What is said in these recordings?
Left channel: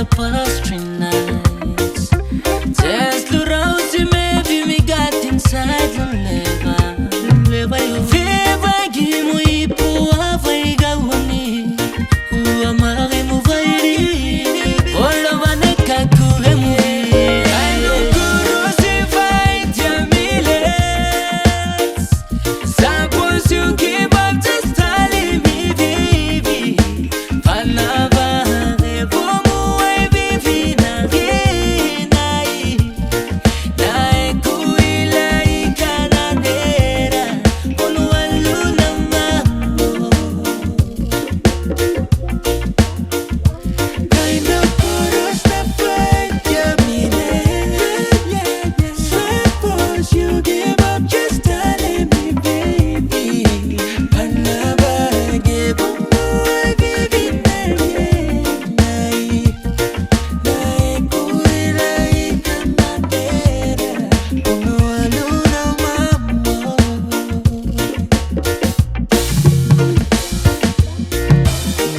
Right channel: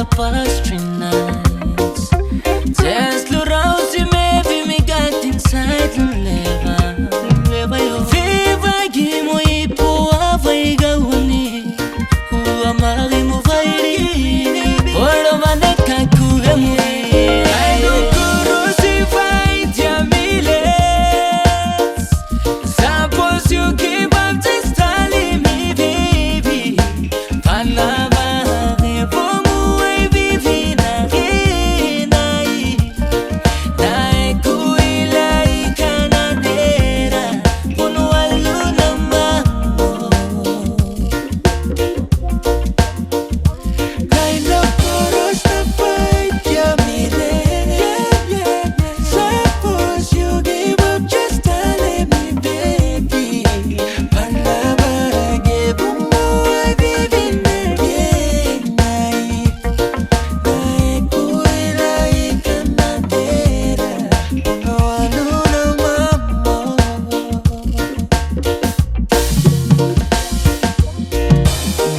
the past 3 nights. Just look out to maybe me got inside and never Viva gimo ipo avaiga wani Uamari mu vairi Olo maneka kure muri I don't crucify Jamiles Suppose you keep up just telling me baby Panavare pomu ai vivi na ginai Nae kuila ikananera Pono aluna mamo Kind of chorus na Pait Suppose you give up just telling me baby Panavage pomu ai vivi na ginai Nae kuila ikananera Pono aluna mamo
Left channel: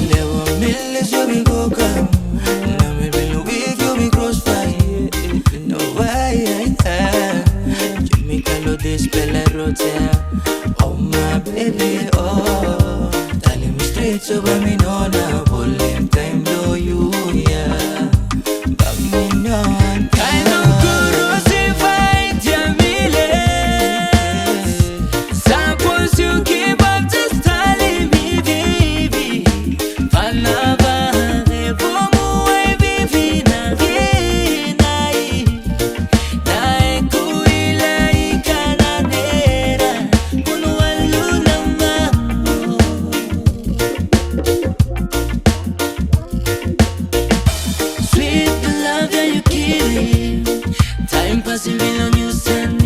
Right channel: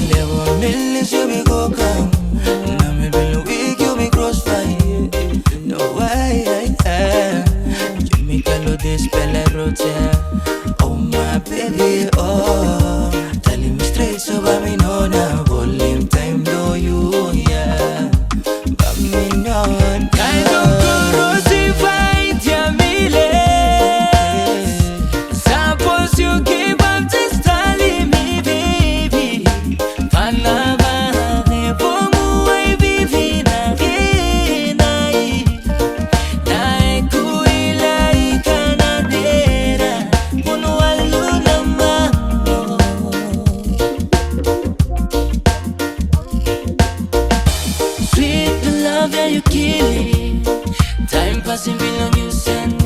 Never millions you be coca Now me been a week you be crossfire No way You make a lot this bella rotea Oh my baby oh Telling me straight so but me know now Volume time do you yeah But me know Kind of crucified Jamiles Suppose you keep up just telling me baby Panavare pomu ai vivi na ginai Nae kuila ikananera Pono aluna mamo Sweet the love that you killing Time passing below you send